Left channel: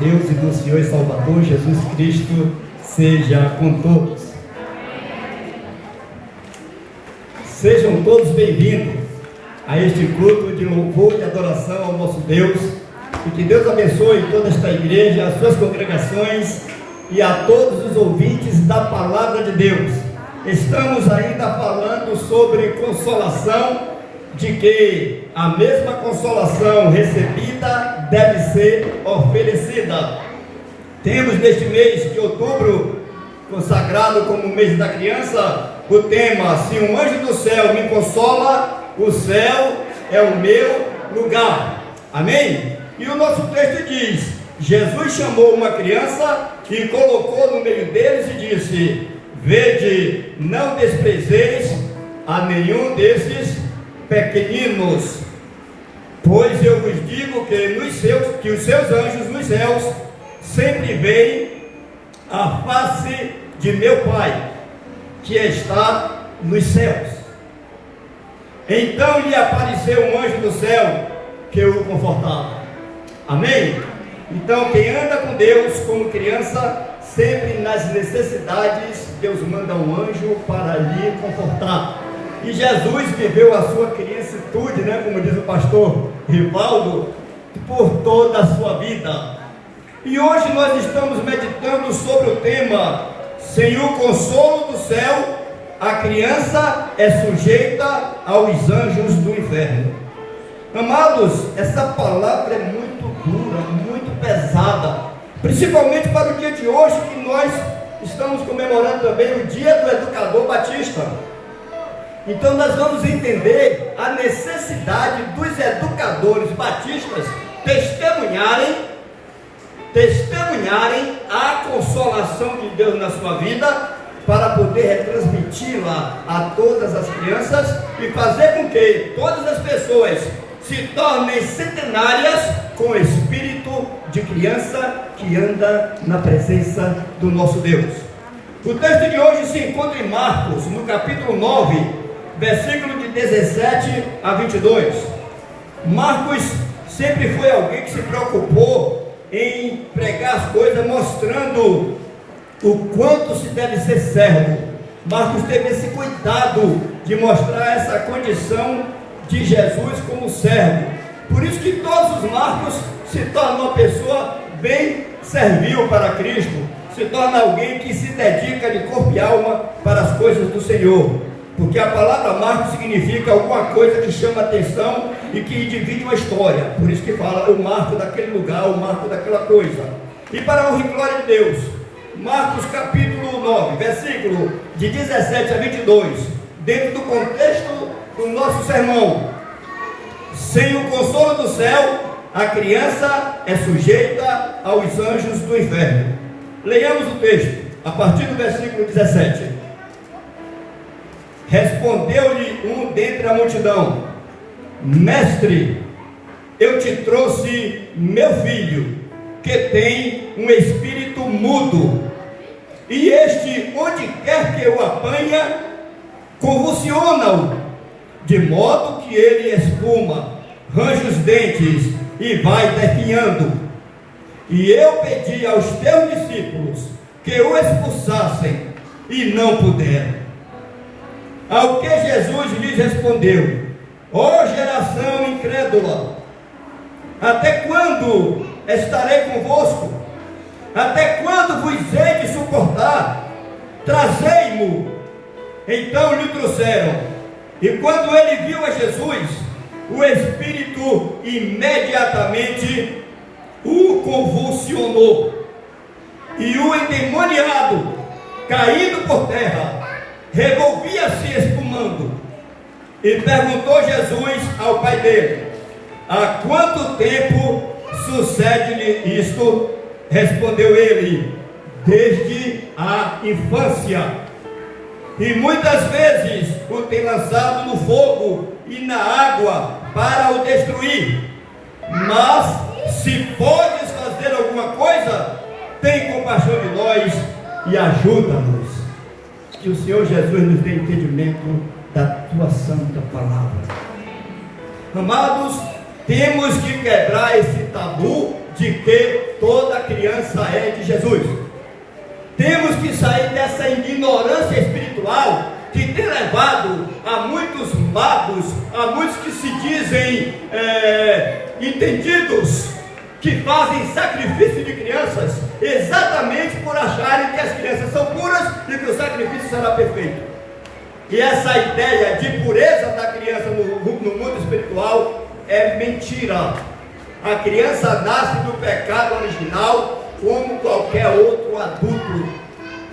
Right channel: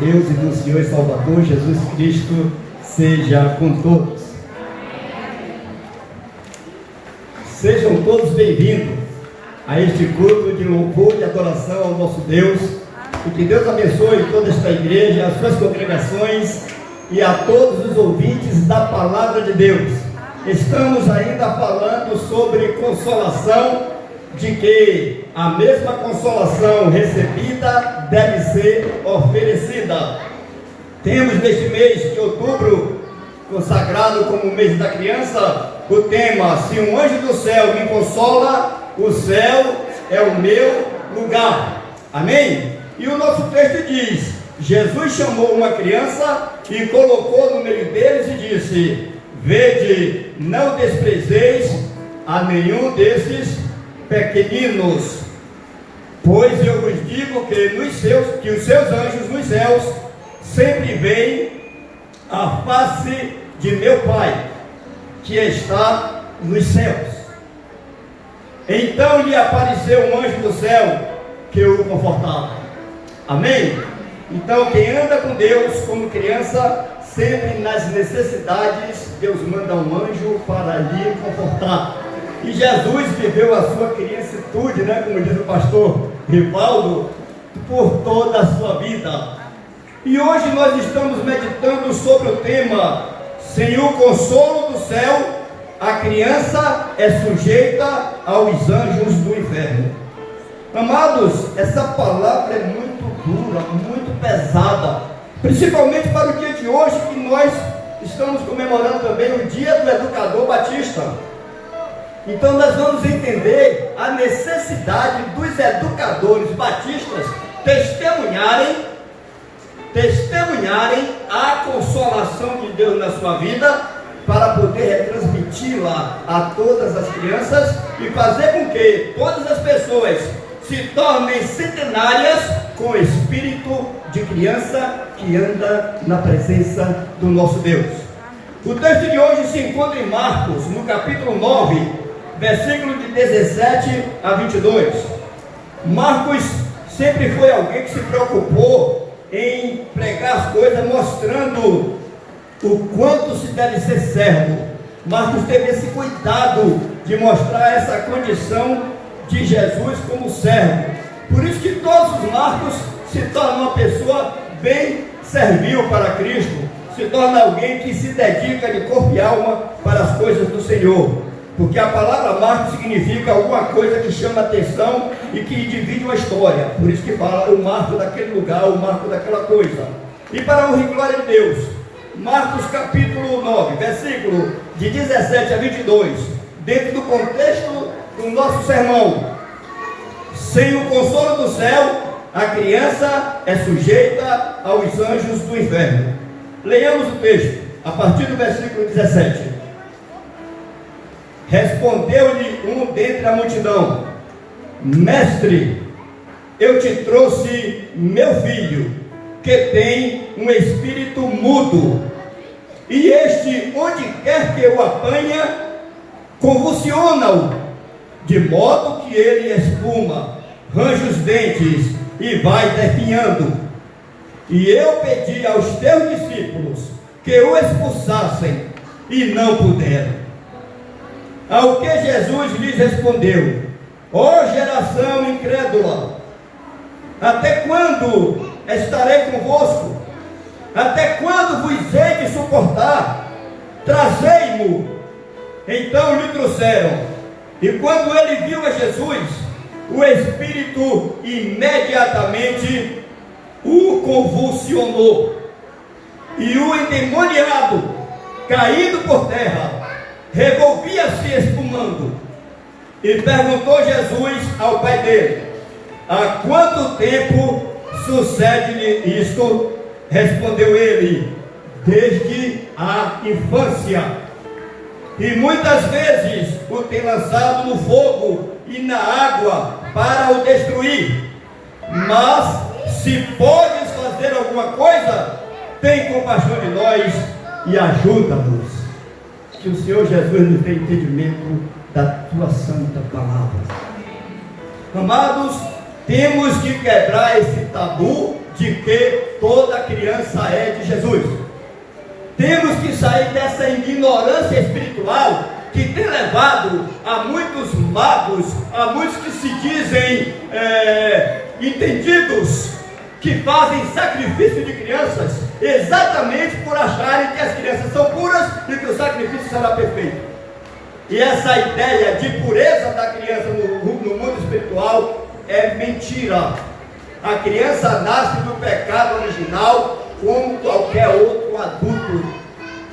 Deus e do Senhor e Salvador Jesus Cristo seja com todos. Sejam todos bem-vindos a este culto de louvor e adoração ao nosso Deus. E que Deus abençoe toda esta igreja, as suas congregações e a todos os ouvintes da Palavra de Deus. Estamos ainda falando sobre consolação, de que a mesma consolação recebida deve ser oferecida. Temos neste mês de outubro, consagrado como mês da criança, o tema: se um anjo do céu me consola, o céu é o meu lugar. Amém? E o nosso texto diz: Jesus chamou uma criança e colocou no meio deles e disse: vede, não desprezeis a nenhum desses pequeninos, pois eu vos digo que os seus anjos nos céus sempre veem a face de meu Pai, que está nos céus. Então lhe apareceu um anjo do céu que o confortava. Amém? Então quem anda com Deus como criança, sempre nas necessidades, Deus manda um anjo para lhe confortar. E Jesus viveu a sua criancitude, como diz o pastor Rivaldo, por toda a sua vida. E hoje nós estamos meditando sobre o tema: sem o consolo do céu, a criança é sujeita aos anjos do inferno. Amados, essa palavra é muito dura, muito pesada, principalmente para o dia de hoje, que nós estamos comemorando também o Dia do Educador Batista. Então nós vamos entender a necessidade dos educadores batistas testemunharem a consolação de Deus na sua vida, para poder retransmiti-la a todas as crianças e fazer com que todas as pessoas se tornem centenárias com o espírito de criança que anda na presença do nosso Deus. O texto de hoje se encontra em Marcos, no capítulo 9, versículo de 17 a 22. Marcos sempre foi alguém que se preocupou em pregar as coisas, mostrando o quanto se deve ser servo. Marcos teve esse cuidado de mostrar essa condição de Jesus como servo. Por isso que todos os Marcos se tornam uma pessoa bem servil para Cristo, se torna alguém que se dedica de corpo e alma para as coisas do Senhor, porque a palavra Marcos significa alguma coisa que chama atenção e que divide uma história. Por isso que fala o marco daquele lugar, o marco daquela coisa. E para a honra e glória de Deus, Marcos capítulo 9, versículo de 17 a 22, dentro do contexto do nosso sermão: sem o consolo do céu, a criança é sujeita aos anjos do inferno. Leiamos o texto, a partir do versículo 17. Respondeu-lhe um dentre a multidão: mestre, eu te trouxe meu filho, que tem um espírito mudo, e este, onde quer que o apanha, convulsiona-o, de modo que ele espuma, range os dentes e vai definhando. E eu pedi aos teus discípulos que o expulsassem, e não puderam. Ao que Jesus lhes respondeu: ó geração incrédula, até quando estarei convosco? Até quando vos hei de suportar? Trazei-mo. Então lhe trouxeram, e quando ele viu a Jesus, o espírito imediatamente o convulsionou, e o endemoniado, caído por terra, revolvia-se espumando. E perguntou Jesus ao pai dele: há quanto tempo sucede-lhe isto? Respondeu ele: desde a infância, e muitas vezes o tem lançado no fogo e na água para o destruir. Mas se podes fazer alguma coisa, tem compaixão de nós e ajuda-nos. Que o Senhor Jesus nos dê entendimento da tua santa palavra. Amados, temos que quebrar esse tabu de que toda criança é de Jesus. Temos que sair dessa ignorância espiritual que tem levado a muitos magos, a muitos que se dizem entendidos, que fazem sacrifício de crianças, exatamente por acharem que as crianças são puras e que o sacrifício será perfeito. E essa ideia de pureza da criança no mundo espiritual é mentira. A criança nasce do pecado original como qualquer outro adulto.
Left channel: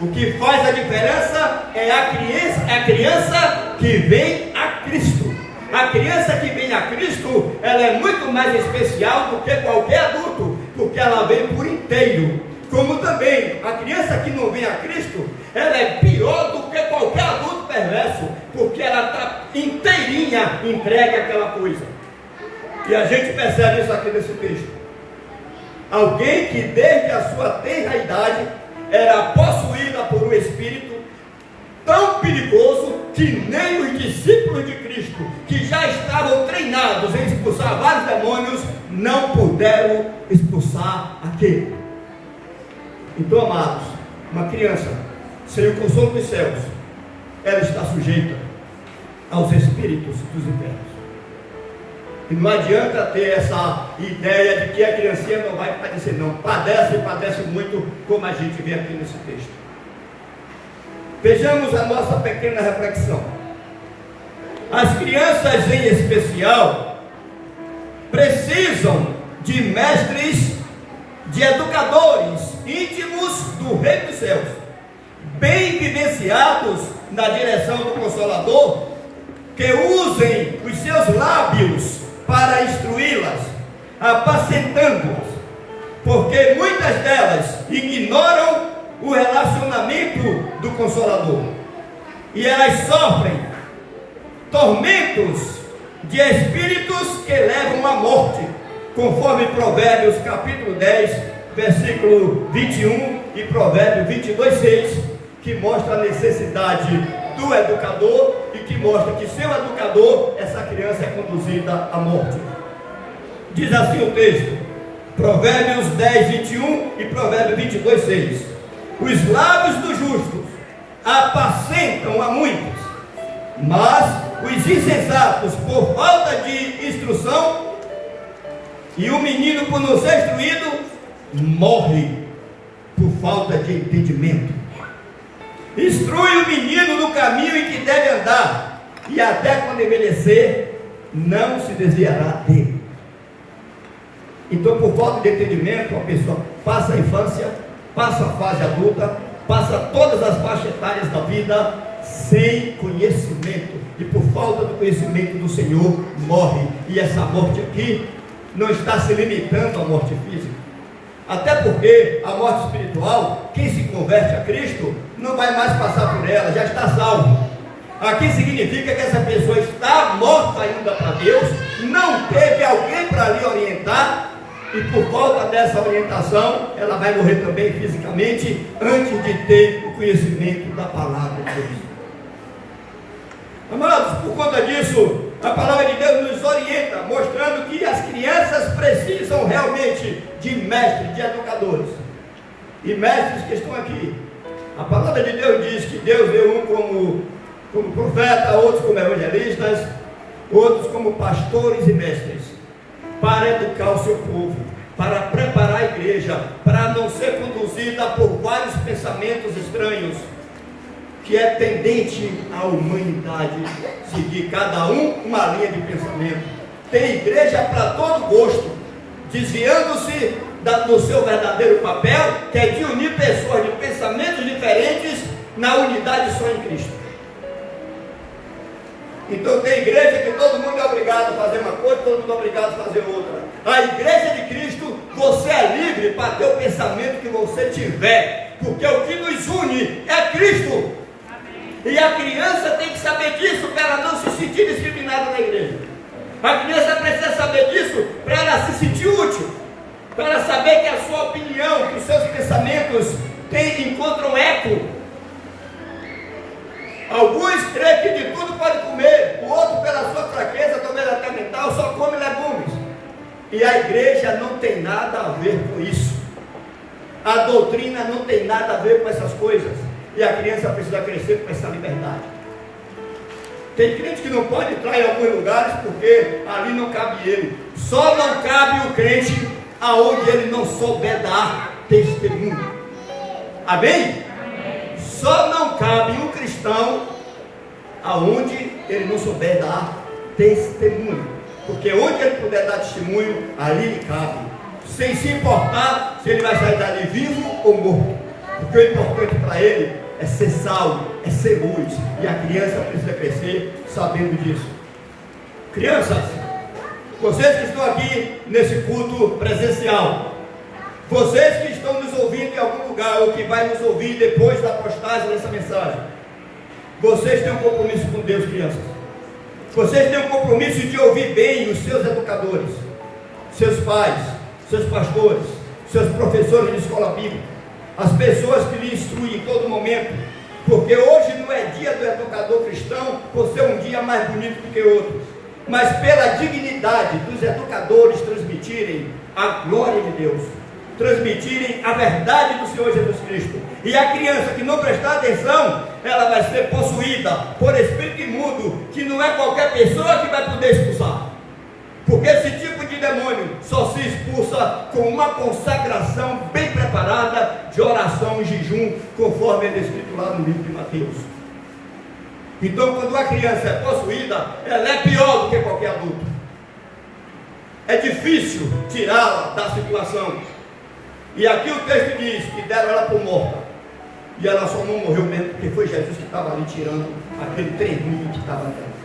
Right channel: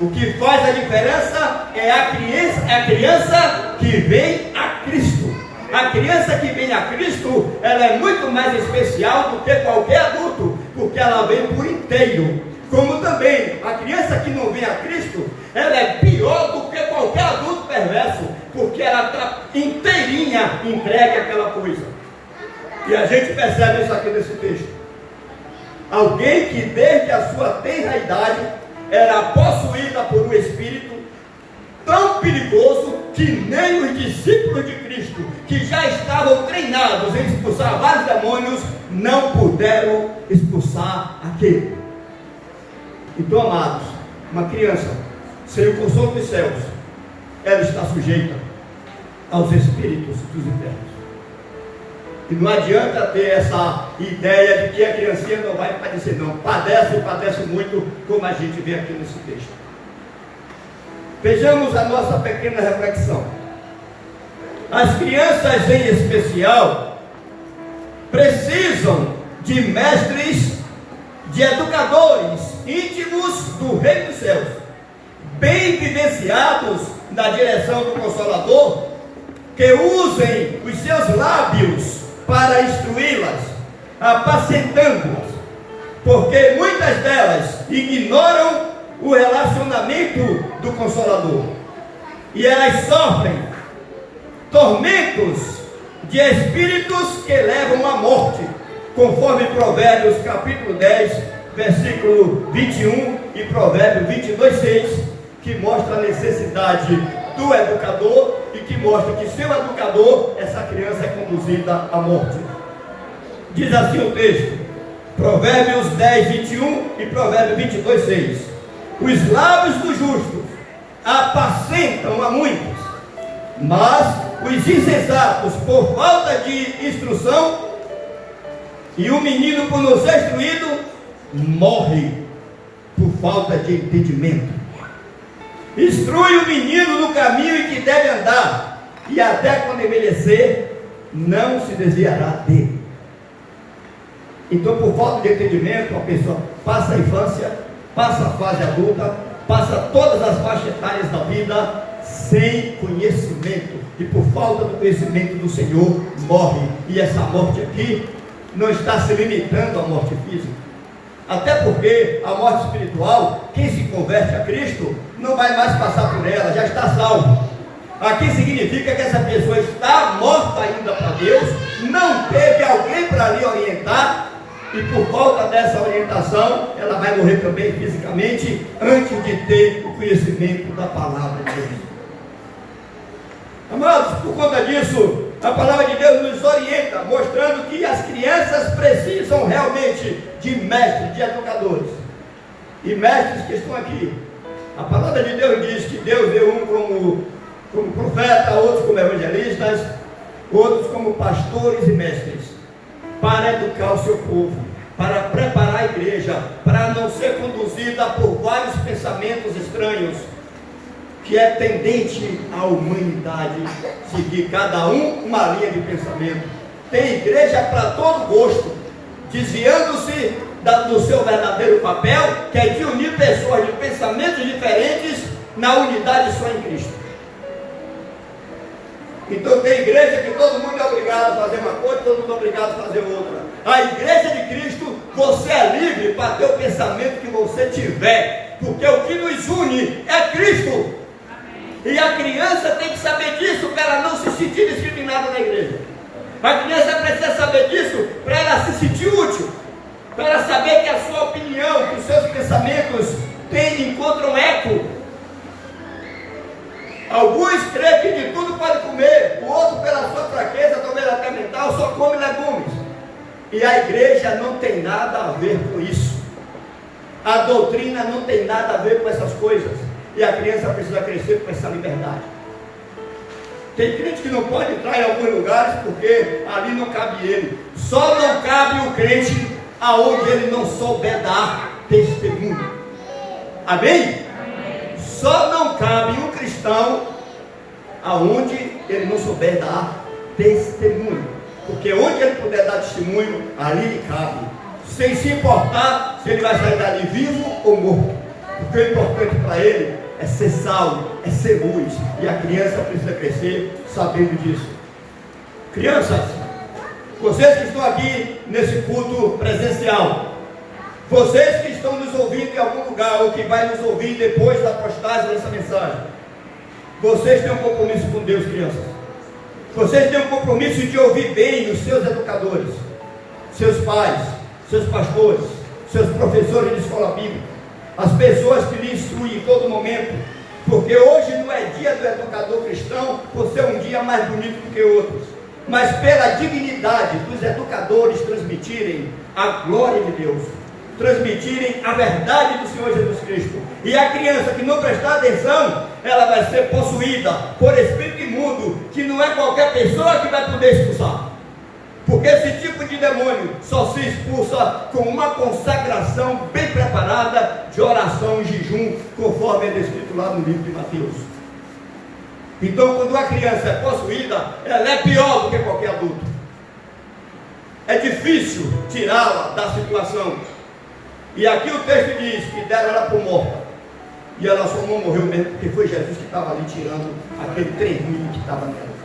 O que faz a diferença é a criança que vem a Cristo. A criança que vem a Cristo, ela é muito mais especial do que qualquer adulto, porque ela vem por inteiro. Como também a criança que não vem a Cristo, ela é pior do que qualquer adulto perverso, porque ela está inteirinha entregue àquela coisa. E a gente percebe isso aqui nesse texto. Alguém que desde a sua tenra idade era possuída por um espírito tão perigoso que nem os discípulos de Cristo, que já estavam treinados em expulsar vários demônios, não puderam expulsar aquele. Então, amados, uma criança sem o consolo dos céus, ela está sujeita aos espíritos dos infernos. E não adianta ter essa ideia de que a criancinha não vai padecer, não. Padece muito, como a gente vê aqui nesse texto. Vejamos a nossa pequena reflexão. As crianças em especial precisam de mestres, de educadores íntimos do Reino dos Céus, bem vivenciados na direção do Consolador, que usem os seus lábios para instruí-las, apacentando-as, porque muitas delas ignoram o relacionamento do Consolador, e elas sofrem tormentos de espíritos que levam à morte, conforme Provérbios capítulo 10, versículo 21 e Provérbios 22, 6, que mostra a necessidade do educador e que mostra que sem o educador, essa criança é conduzida à morte. Diz assim o texto, Provérbios 10, 21 e Provérbios 22, 6: os lábios dos justos apacentam a muitos, mas os insensatos, por falta de instrução, e o menino, por não ser instruído, morre por falta de entendimento. Instrui o menino no caminho em que deve andar, e até quando envelhecer, não se desviará dele. Então, por falta de entendimento, a pessoa passa a infância, passa a fase adulta, passa todas as faixas etárias da vida sem conhecimento, e por falta do conhecimento do Senhor, morre. E essa morte aqui não está se limitando à morte física, até porque a morte espiritual, quem se converte a Cristo, não vai mais passar por ela, já está salvo. Aqui significa que essa pessoa está morta ainda para Deus, não teve alguém para lhe orientar, e por falta dessa orientação, ela vai morrer também fisicamente, antes de ter o conhecimento da palavra de Deus. Amados, por conta disso, a palavra de Deus nos orienta, mostrando que as crianças precisam realmente de mestres, de educadores. E mestres que estão aqui. A palavra de Deus diz que Deus deu um como profeta, outros como evangelistas, outros como pastores e mestres, para educar o seu povo, para preparar a igreja, para não ser conduzida por vários pensamentos estranhos, que é tendente à humanidade seguir cada um uma linha de pensamento. Tem igreja para todo gosto, desviando-se do seu verdadeiro papel, que é de unir pessoas de pensamentos diferentes na unidade só em Cristo. Então tem igreja que todo mundo é obrigado a fazer uma coisa, todo mundo é obrigado a fazer outra. A igreja de Cristo, você é livre para ter o pensamento que você tiver, porque o que nos une é Cristo. E a criança tem que saber disso para ela não se sentir discriminada na igreja. A criança precisa saber disso para ela se sentir útil, para ela saber que a sua opinião, que os seus pensamentos encontram eco. Alguns creem que de tudo pode comer, o outro, pela sua fraqueza, talvez até mental, só come legumes. E a igreja não tem nada a ver com isso. A doutrina não tem nada a ver com essas coisas. E a criança precisa crescer com essa liberdade. Tem crente que não pode entrar em alguns lugares porque ali não cabe ele. Só não cabe o crente aonde ele não souber dar testemunho. Amém? Só não cabe um cristão aonde ele não souber dar testemunho. Porque onde ele puder dar testemunho, ali lhe cabe. Sem se importar se ele vai sair dali vivo ou morto. Porque o importante para ele é ser sal, é ser luz. E a criança precisa crescer sabendo disso. Crianças, vocês que estão aqui nesse culto presencial, vocês que estão nos ouvindo em algum lugar, ou que vai nos ouvir depois da postagem dessa mensagem, vocês têm um compromisso com Deus, crianças. Vocês têm um compromisso de ouvir bem os seus educadores, seus pais, seus pastores, seus professores de escola bíblica, as pessoas que lhe instruem em todo momento, porque hoje não é dia do educador cristão por ser um dia mais bonito do que outros, mas pela dignidade dos educadores transmitirem a glória de Deus, transmitirem a verdade do Senhor Jesus Cristo. E a criança que não prestar atenção, ela vai ser possuída por espírito imundo, que não é qualquer pessoa que vai poder expulsar. Porque esse tipo de demônio só se expulsa com uma consagração bem preparada de oração e jejum, conforme é descrito lá no livro de Mateus. Então, quando a criança é possuída, ela é pior do que qualquer adulto. É difícil tirá-la da situação. E aqui o texto diz que deram ela por morta. E ela só não morreu mesmo porque foi Jesus que estava ali tirando aquele treminho que estava nela.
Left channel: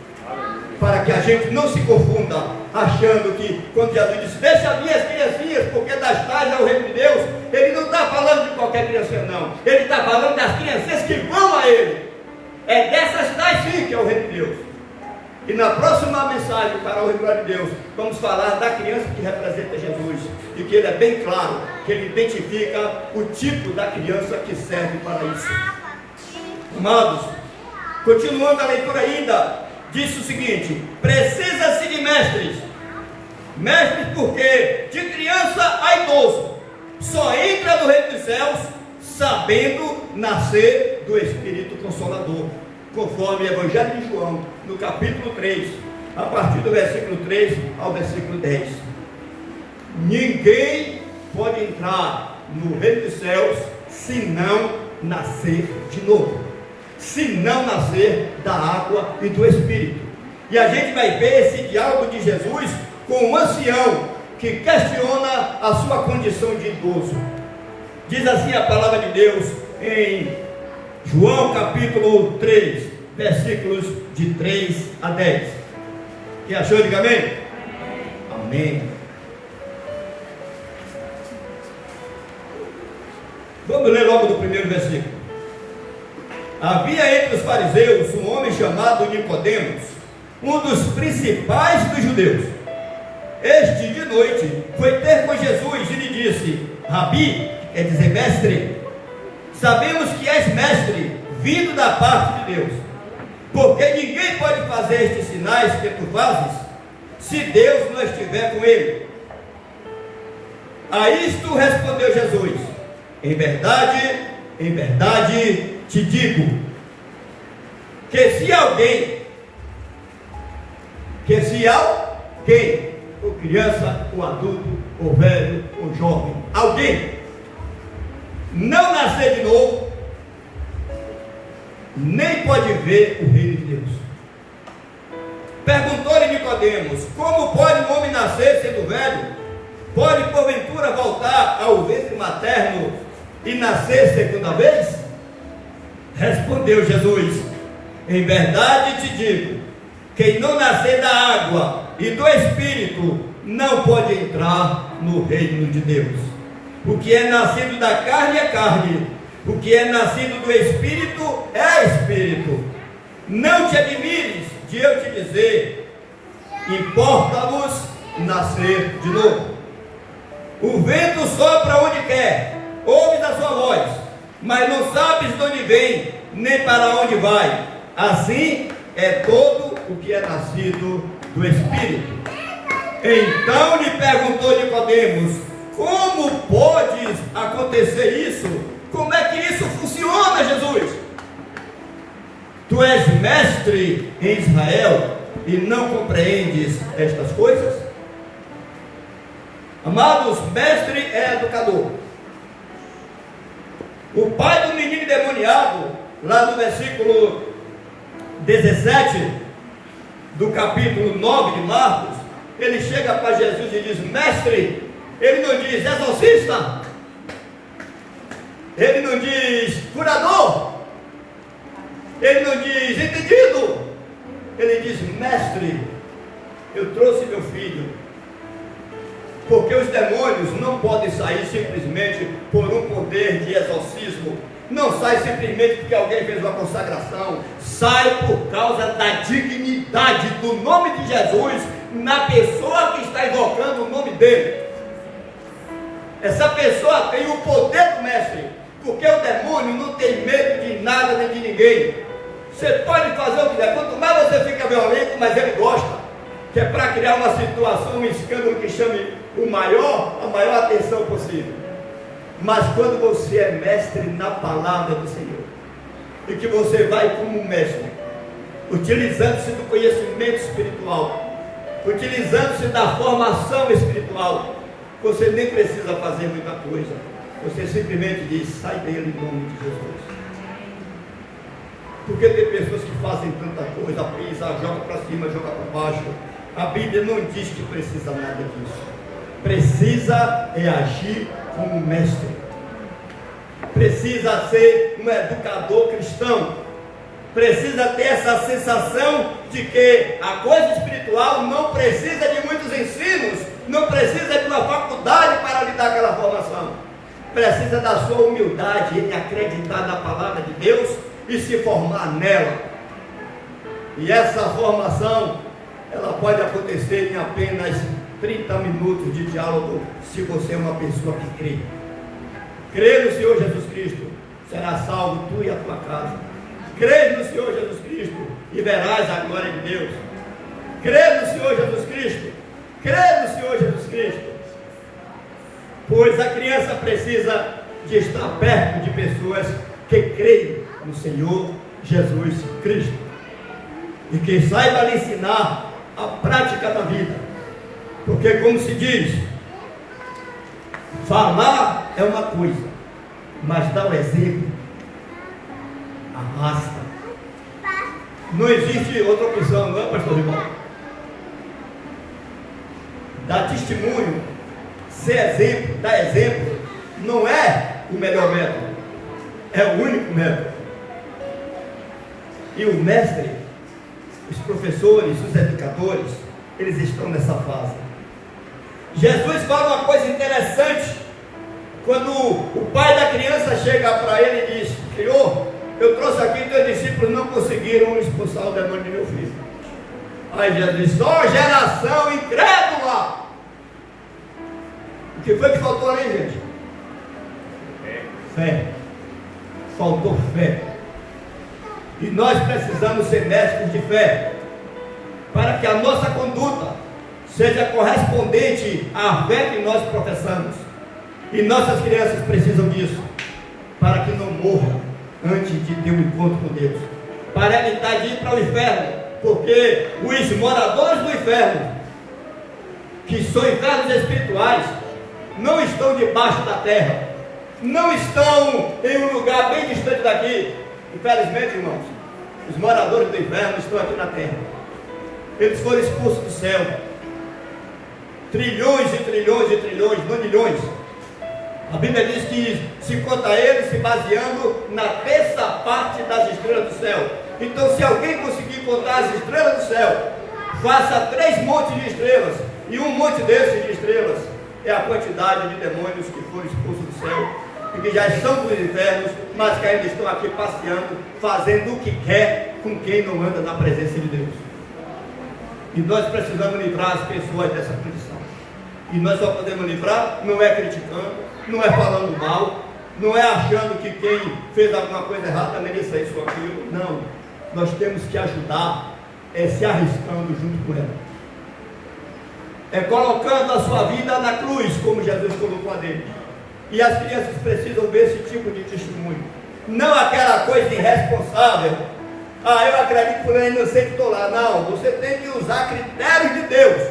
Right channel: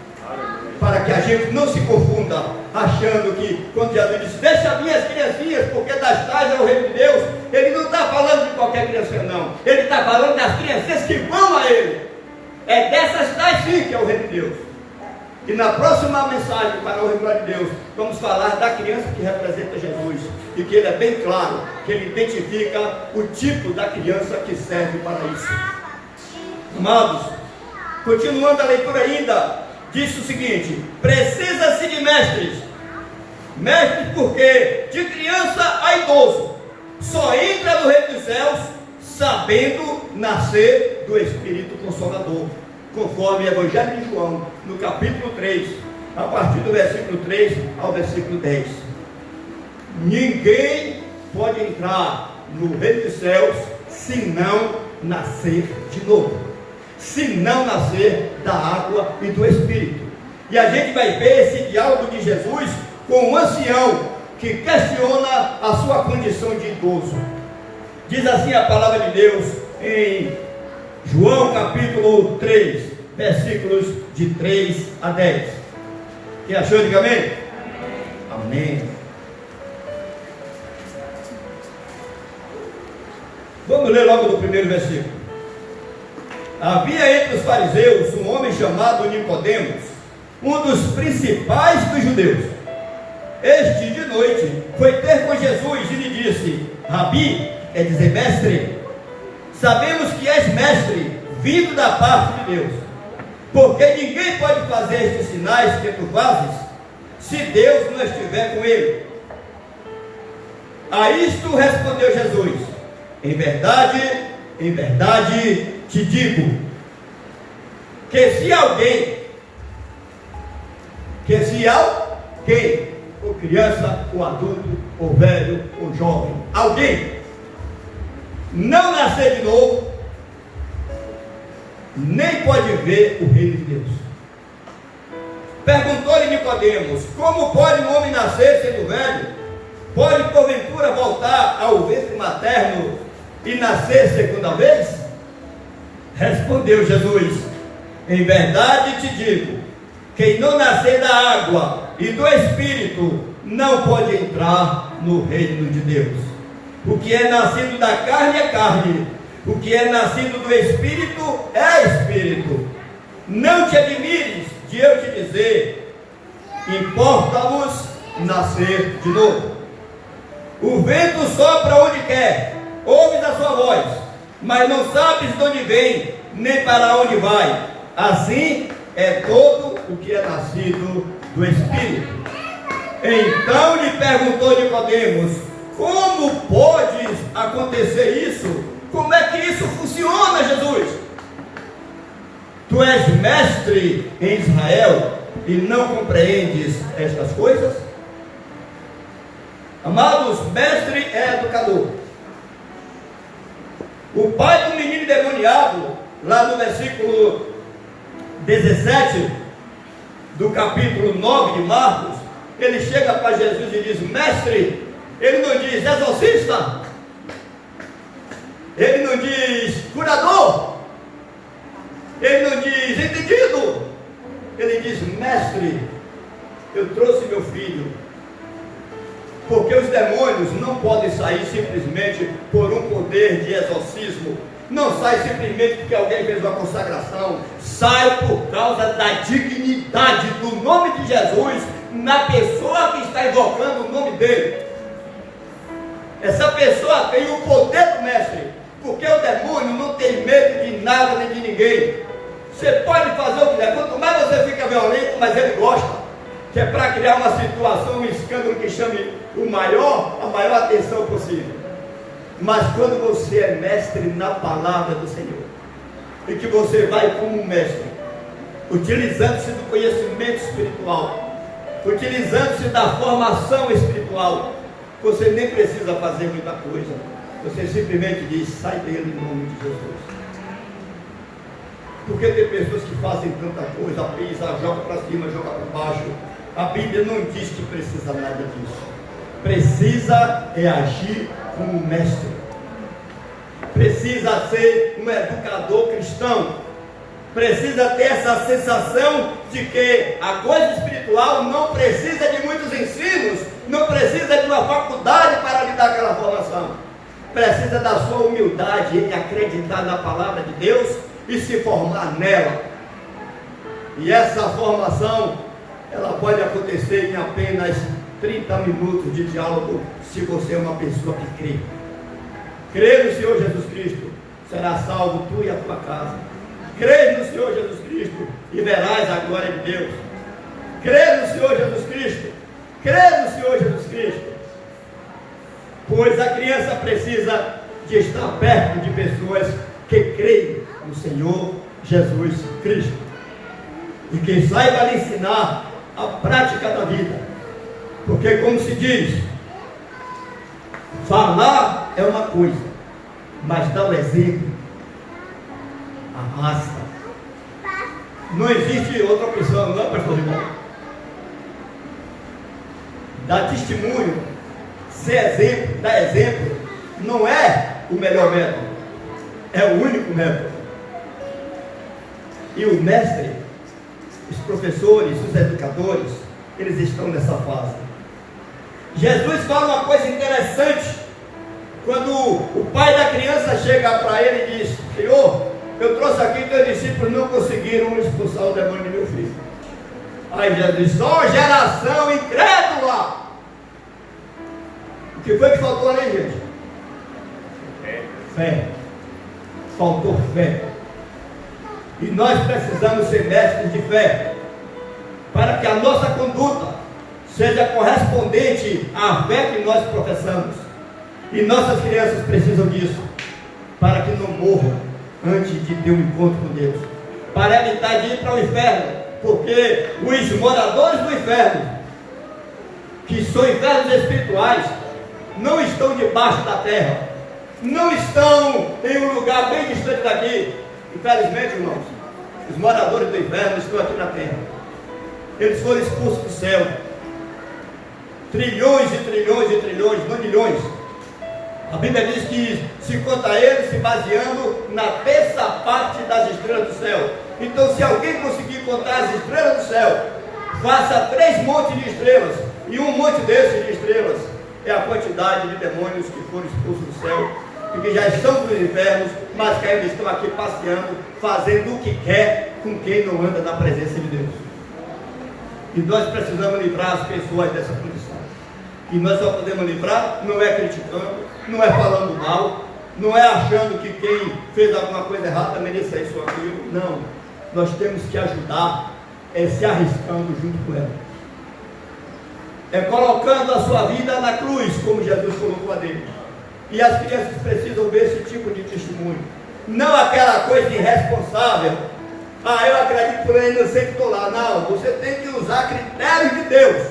Para que a gente não se confunda, achando que quando Jesus disse, deixa as minhas criancinhas, porque das tais é o reino de Deus, ele não está falando de qualquer criancinha não. Ele está falando das crianças que vão a ele. É dessas tais sim que é o reino de Deus. E na próxima mensagem para o reino de Deus, vamos falar da criança que representa Jesus. E que ele é bem claro, que ele identifica o tipo da criança que serve para isso. Amados, continuando a leitura ainda, diz o seguinte: precisa-se de mestres. Mestres porque de criança a idoso só entra no reino dos céus sabendo nascer do Espírito Consolador, conforme o Evangelho de João, no capítulo 3, a partir do versículo 3 ao versículo 10. Ninguém pode entrar no reino dos céus se não nascer de novo, se não nascer da água e do Espírito. E a gente vai ver esse diálogo de Jesus com um ancião que questiona a sua condição de idoso. Diz assim a palavra de Deus em João capítulo 3, versículos de 3 a 10. Quem achou, diga amém? Amém. Vamos ler logo do primeiro versículo. Havia entre os fariseus um homem chamado Nicodemos, um dos principais dos judeus. Este de noite foi ter com Jesus e lhe disse: Rabi, quer dizer mestre, sabemos que és mestre, vindo da parte de Deus, porque ninguém pode fazer estes sinais que tu fazes, se Deus não estiver com ele. A isto respondeu Jesus: em verdade te digo, que se alguém, ou criança, ou adulto, ou velho, ou jovem, alguém não nascer de novo, nem pode ver o reino de Deus. Perguntou-lhe Nicodemos: como pode um homem nascer sendo velho? Pode porventura voltar ao ventre materno e nascer segunda vez? Respondeu Jesus: em verdade te digo, quem não nascer da água e do Espírito não pode entrar no reino de Deus. O que é nascido da carne é carne, o que é nascido do Espírito é Espírito. Não te admires de eu te dizer, importa-vos nascer de novo. O vento sopra onde quer, ouves a sua voz, mas não sabes de onde vem, nem para onde vai. Assim é todo o que é nascido do Espírito. Então lhe perguntou Nicodemos: Como pode acontecer isso? Como é que isso funciona, Jesus? Tu és mestre em Israel e não compreendes estas coisas? Amados, mestre é educador. O pai do menino endemoniado, lá no versículo 17 do capítulo 9 de Marcos, ele chega para Jesus e diz: mestre. Ele não diz exorcista, ele não diz curador, ele não diz entendido, ele diz: mestre, eu trouxe meu filho, porque os demônios não podem sair simplesmente por um poder de exorcismo, não sai simplesmente porque alguém fez uma consagração, sai por causa da dignidade do nome de Jesus na pessoa que está invocando o nome dele. Essa pessoa tem o poder do mestre, porque o demônio não tem medo de nada nem de ninguém. Você pode fazer o que der, quanto mais você fica violento, mais ele gosta, que é para criar uma situação, um escândalo que chame a maior atenção possível. Mas quando você é mestre na palavra do Senhor, e que você vai como um mestre, utilizando-se do conhecimento espiritual, utilizando-se da formação espiritual, você nem precisa fazer muita coisa. Você simplesmente diz: sai dele em nome de Jesus. Porque tem pessoas que fazem tanta coisa, pisa, joga para cima, joga para baixo. A Bíblia não diz que precisa nada disso. Precisa é agir como mestre. Precisa ser um educador cristão. Precisa ter essa sensação de que a coisa espiritual não precisa de muitos ensinos, não precisa de uma faculdade para lhe dar aquela formação. Precisa da sua humildade em acreditar na palavra de Deus e se formar nela. E essa formação, ela pode acontecer em apenas 30 minutos de diálogo, se você é uma pessoa que crê. Crê no Senhor Jesus Cristo, será salvo tu e a tua casa. Crê no Senhor Jesus Cristo e verás a glória de Deus. Crê no Senhor Jesus Cristo. Crê no Senhor Jesus Cristo. Pois a criança precisa de estar perto de pessoas que creem no Senhor Jesus Cristo. E que saiba lhe ensinar a prática da vida. Porque, como se diz, falar é uma coisa, mas dar o exemplo arrasta. Não existe outra opção, não é, pastor irmão? Dar testemunho, ser exemplo, dar exemplo, não é o melhor método, é o único método. E o mestre, os professores, os educadores, eles estão nessa fase. Jesus fala uma coisa interessante, quando o pai da criança chega para ele e diz: Senhor, eu trouxe aqui, teus discípulos não conseguiram expulsar o demônio de meu filho. Aí Jesus diz: só geração incrédula. O que foi que faltou ali, gente? Fé. Faltou fé. E nós precisamos ser mestres de fé, para que a nossa conduta seja correspondente à fé que nós professamos. E nossas crianças precisam disso, para que não morram antes de ter um encontro com Deus, para evitar de ir para o inferno, porque os moradores do inferno, que são infernos espirituais, não estão debaixo da terra, não estão em um lugar bem distante daqui. Infelizmente, irmãos, os moradores do inferno estão aqui na terra. Eles foram expulsos do céu. Trilhões e trilhões e trilhões, não milhões. A Bíblia diz que se conta eles se baseando na terça parte das estrelas do céu. Então, se alguém conseguir contar as estrelas do céu, faça 3 montes de estrelas, e um monte desses de estrelas é a quantidade de demônios que foram expulsos do céu, e que já estão nos infernos, mas que ainda estão aqui passeando, fazendo o que quer com quem não anda na presença de Deus. E nós precisamos livrar as pessoas dessa condição. E nós só podemos livrar, não é criticando, não é falando mal, não é achando que quem fez alguma coisa errada mereça isso ou aquilo. Não, nós temos que ajudar, se arriscando junto com ela. é colocando a sua vida na cruz, como Jesus colocou a dele. E as crianças precisam ver esse tipo de testemunho. Não aquela coisa irresponsável. Ah, eu acredito por ele, não sei que estou lá. Não, você tem que usar critérios de Deus,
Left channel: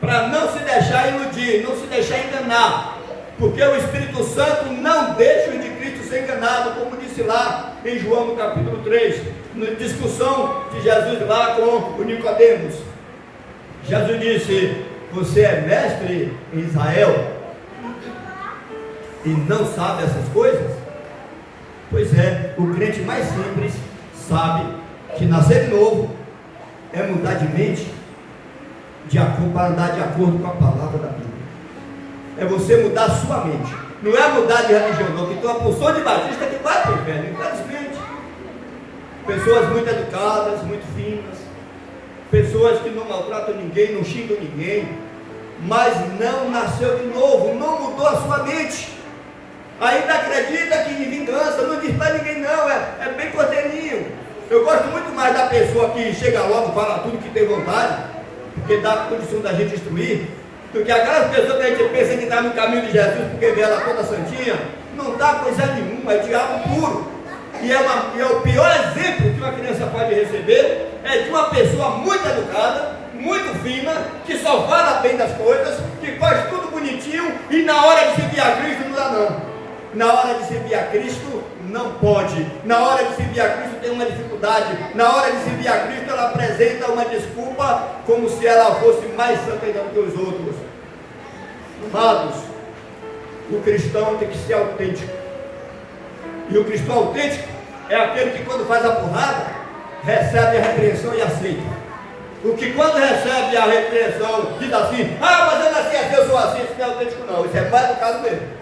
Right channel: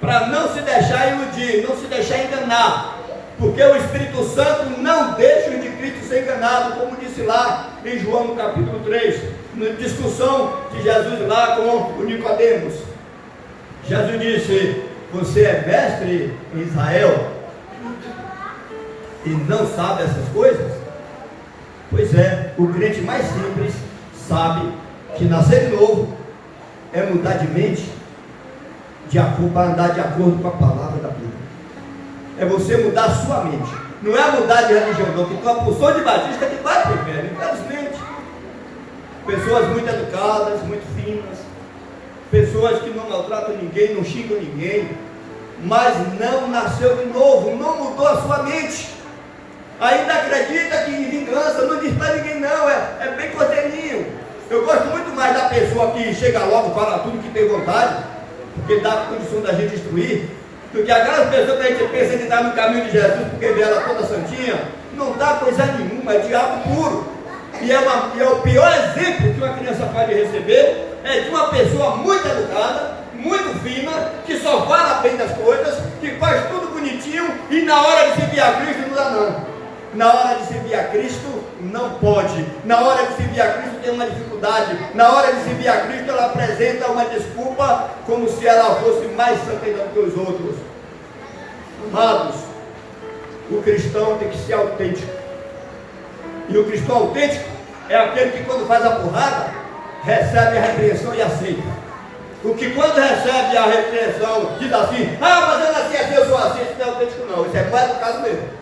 para não se deixar iludir, não se deixar enganar. Porque o Espírito Santo não deixa os de Cristo ser enganado, como disse lá em João no capítulo 3, na discussão de Jesus lá com o Nicodemos. Jesus disse: você é mestre em Israel e não sabe essas coisas? Pois é, o crente mais simples sabe que nascer de novo é mudar de mente para andar de acordo com a palavra da Bíblia. É você mudar a sua mente. Não é mudar de religião, não, que tua porção de batista que vai para o inferno, infelizmente. Pessoas muito educadas, muito finas, pessoas que não maltratam ninguém, não xingam ninguém, mas não nasceu de novo, não mudou a sua mente. Ainda acredita que em vingança, não diz para ninguém não, é bem cortelinho. Eu gosto muito mais da pessoa que chega logo, fala tudo que tem vontade, porque dá a condição da gente instruir, do que aquelas pessoas que a gente pensa que está no caminho de Jesus, porque vê ela toda santinha, não dá coisa nenhuma, é diabo puro. E é o pior exemplo que uma criança pode receber, é de uma pessoa muito educada, muito fina, que só fala bem das coisas, que faz tudo bonitinho, e na hora de servir a Cristo não dá não. Na hora de servir a Cristo não pode. Na hora de servir a Cristo tem uma dificuldade. Na hora de servir a Cristo ela apresenta uma desculpa, como se ela fosse mais santa do que os outros. Amados, o cristão tem que ser autêntico. E o cristão autêntico é aquele que quando faz a porrada, recebe a repreensão e aceita. O que quando recebe a repreensão diz assim: ah, mas eu nasci assim, eu sou assim. Isso não é autêntico não, isso é mais educado mesmo.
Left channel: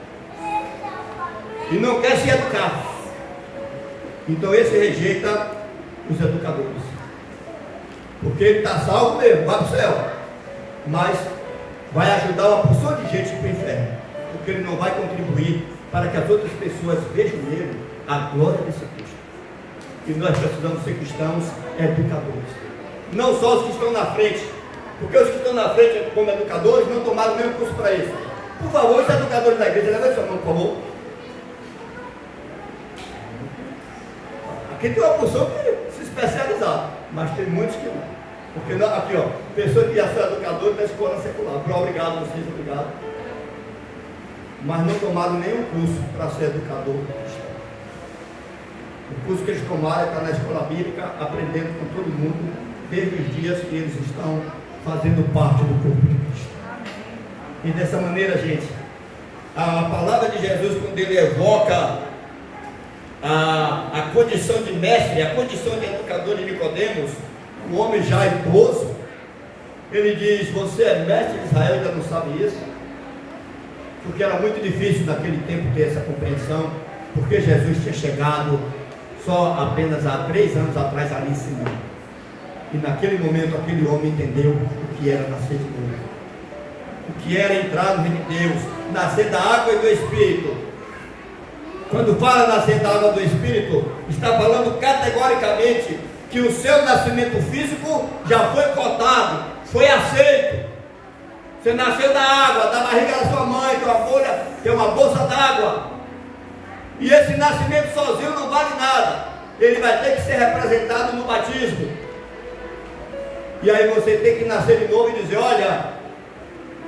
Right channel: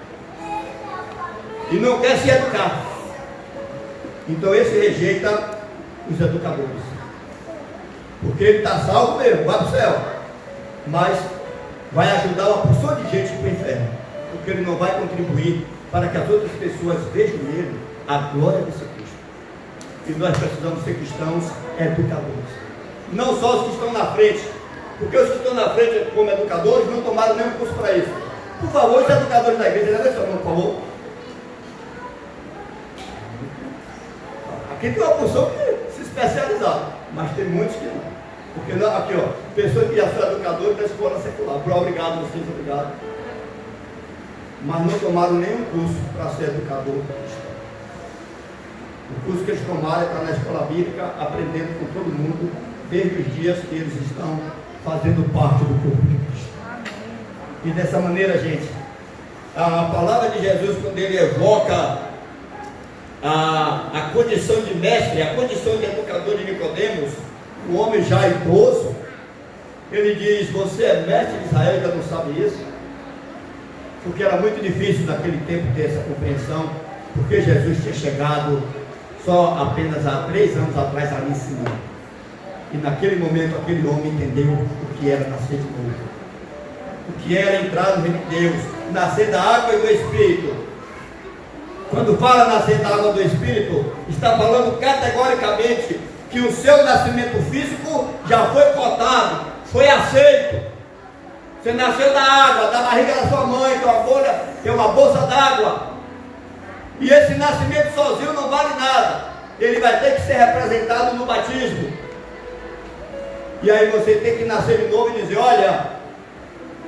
E não quer se educar. Então esse rejeita os educadores, porque ele está salvo mesmo, vai para o céu, mas vai ajudar uma porção de gente para o inferno, porque ele não vai contribuir para que as outras pessoas vejam nele a glória desse Cristo. E nós precisamos ser cristãos educadores, não só os que estão na frente, porque os que estão na frente como educadores não tomaram nenhum curso para isso. Por favor, os educadores da igreja, levem sua mão, por favor. Aqui tem uma porção que se especializar, mas tem muitos que não. Porque não, aqui ó, pessoas que já são educadores da escola secular, obrigado vocês, obrigado. Mas não tomaram nenhum curso para ser educador cristão. O curso que eles tomaram é estar na escola bíblica, aprendendo com todo mundo, desde os dias que eles estão fazendo parte do corpo de Cristo. E dessa maneira, gente, a palavra de Jesus, quando ele evoca a condição de mestre, a condição de educador de Nicodemos, o homem já idoso, ele diz: você é mestre de Israel e ainda não sabe isso? Porque era muito difícil naquele tempo ter essa compreensão, porque Jesus tinha chegado só apenas há 3 anos atrás ali ensinando. E naquele momento aquele homem entendeu o que era nascer de novo, o que era entrar no reino de Deus, nascer da água e do Espírito. Quando fala nascer da água do Espírito, está falando categoricamente que o seu nascimento físico já foi cotado, foi aceito. Você nasceu da água, da barriga da sua mãe, tua bolha, tem uma bolsa d'água. E esse nascimento sozinho não vale nada. Ele vai ter que ser representado no batismo. E aí você tem que nascer de novo e dizer: olha,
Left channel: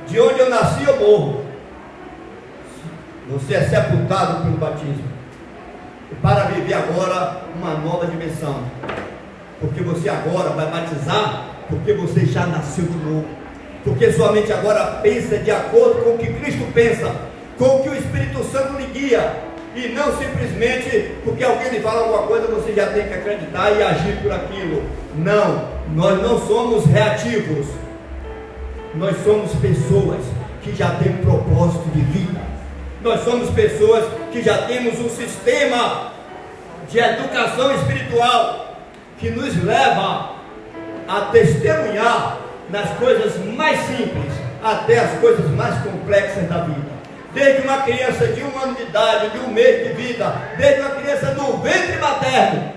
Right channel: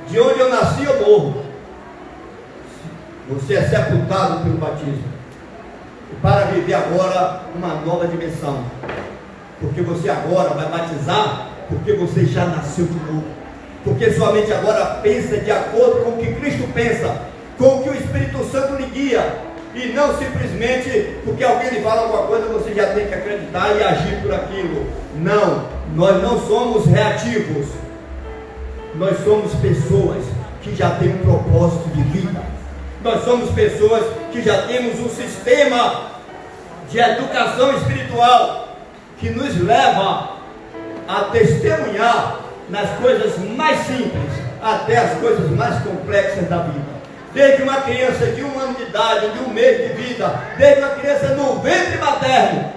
de onde eu nasci eu morro. Você é sepultado pelo batismo, e para viver agora uma nova dimensão, porque você agora vai batizar, porque você já nasceu de novo, porque sua mente agora pensa de acordo com o que Cristo pensa, com o que o Espírito Santo lhe guia, e não simplesmente porque alguém lhe fala alguma coisa, você já tem que acreditar e agir por aquilo. Não, nós não somos reativos, nós somos pessoas que já têm um propósito de vida. Nós somos pessoas que já temos um sistema de educação espiritual que nos leva a testemunhar nas coisas mais simples até as coisas mais complexas da vida. Desde uma criança de 1 ano de idade, de 1 mês de vida, desde uma criança no ventre materno,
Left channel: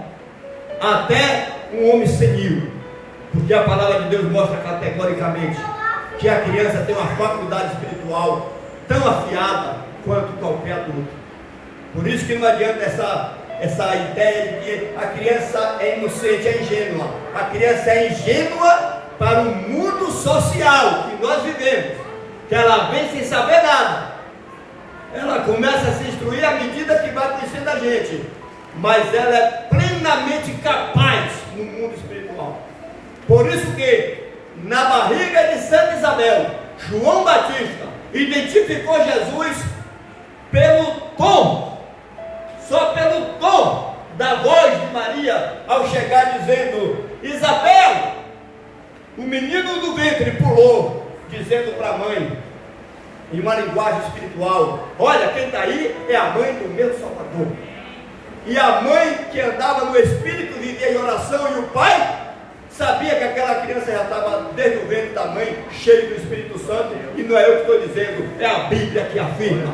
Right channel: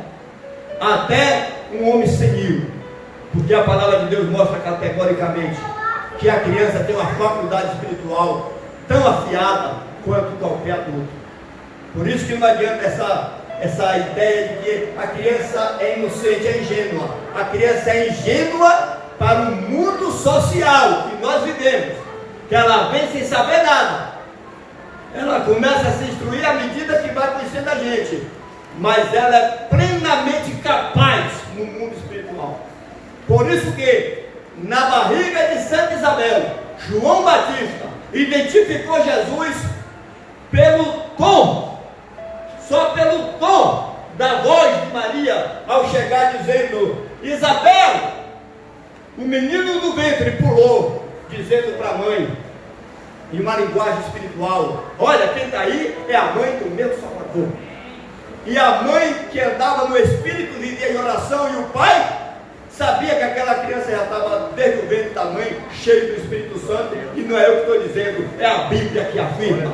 até um homem senil. Porque a palavra de Deus mostra categoricamente que a criança tem uma faculdade espiritual tão afiada quanto qualquer adulto. Por isso que não adianta essa ideia de que a criança é inocente, é ingênua. A criança é ingênua para o mundo social que nós vivemos, que ela vem sem saber nada. Ela começa a se instruir à medida que vai conhecendo a gente, mas ela é plenamente capaz no mundo espiritual. Por isso que na barriga de Santa Isabel, João Batista identificou Jesus pelo tom, só pelo tom da voz de Maria, ao chegar dizendo: Isabel, o menino do ventre pulou, dizendo para a mãe, em uma linguagem espiritual: olha, quem está aí é a mãe do meu Salvador. E a mãe que andava no Espírito, vivia em oração, e o pai sabia que aquela criança já estava desde o ventre da mãe, cheio do Espírito Santo. E não é eu que estou dizendo, é a Bíblia que afirma.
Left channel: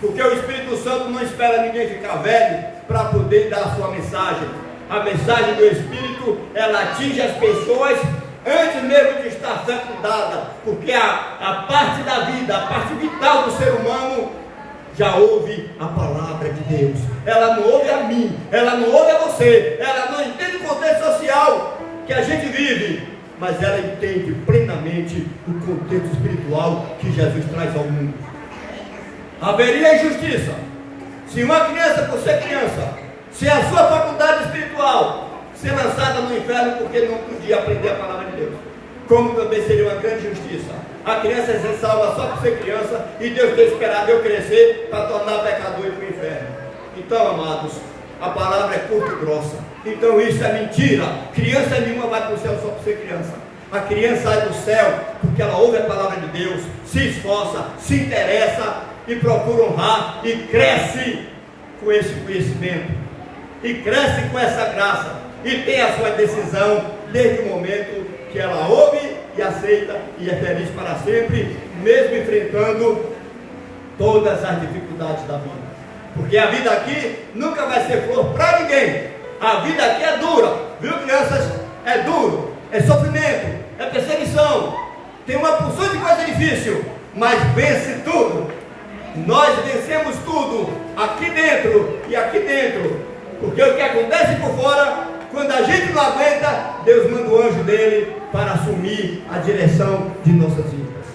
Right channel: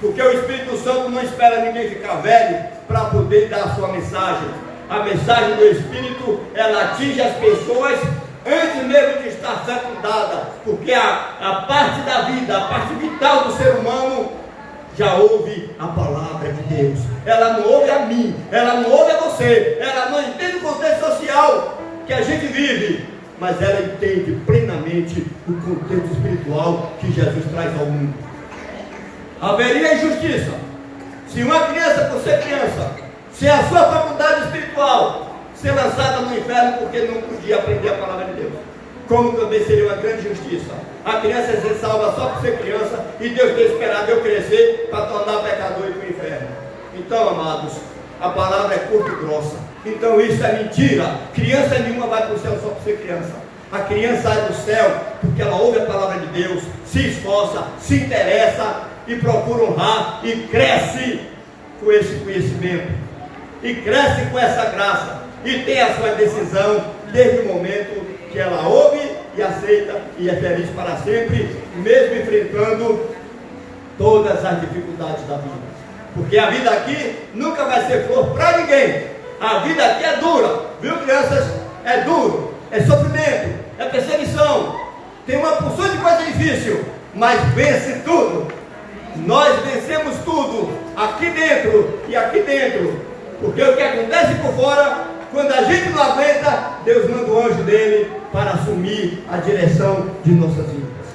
Porque o Espírito Santo não espera ninguém ficar velho para poder dar a sua mensagem. A mensagem do Espírito, ela atinge as pessoas antes mesmo de estar fecundada, porque a parte da vida, a parte vital do ser humano já ouve a palavra de Deus. Ela não ouve a mim, ela não ouve a você, ela não entende o contexto social que a gente vive, mas ela entende plenamente o contexto espiritual que Jesus traz ao mundo. Haveria injustiça se uma criança, por ser criança, se a sua faculdade espiritual ser lançada no inferno porque não podia aprender a palavra de Deus. Como também seria uma grande justiça a criança ser salva só por ser criança e Deus ter esperado eu crescer para tornar pecador e ir para o inferno. Então, amados, a palavra é curta e grossa. Então isso é mentira. Criança nenhuma vai para o céu só por ser criança. A criança sai do céu porque ela ouve a palavra de Deus, se esforça, se interessa e procura honrar e cresce com esse conhecimento e cresce com essa graça e tem a sua decisão desde o momento que ela ouve e aceita e é feliz para sempre, mesmo enfrentando todas as dificuldades da vida. Porque a vida aqui nunca vai ser flor para ninguém. A vida aqui é dura, viu, crianças? É duro, é sofrimento, é perseguição, tem uma porção de coisa difícil, mas vence tudo. Nós vencemos tudo aqui dentro e aqui dentro, porque o que acontece por fora, quando a gente não aguenta, Deus manda o anjo dele para assumir a direção de nossas vidas.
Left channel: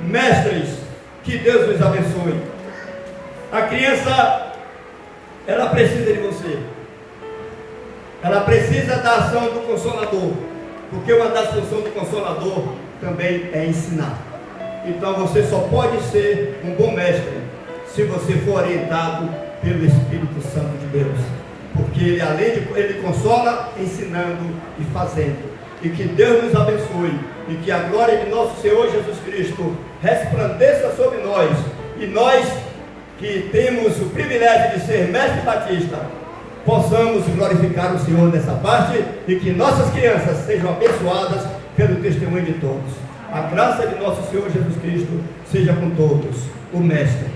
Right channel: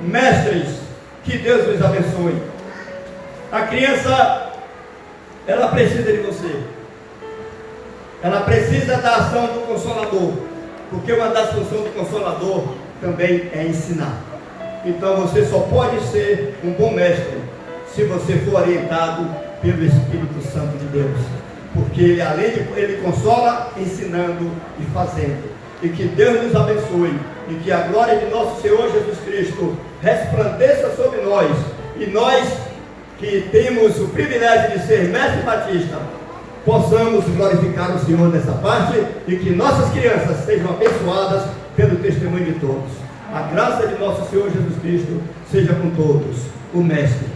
Mestres, que Deus nos abençoe. A criança, ela precisa de você. Ela precisa da ação do Consolador, porque uma das funções do Consolador também é ensinar. Então você só pode ser um bom mestre se você for orientado pelo Espírito Santo de Deus. Porque ele, além de ele consola, ensinando e fazendo. E que Deus nos abençoe. E que a glória de nosso Senhor Jesus Cristo resplandeça sobre nós. E nós que temos o privilégio de ser mestre batista, possamos glorificar o Senhor nessa parte. E que nossas crianças sejam abençoadas pelo testemunho de todos. A graça de nosso Senhor Jesus Cristo seja com todos. O Mestre.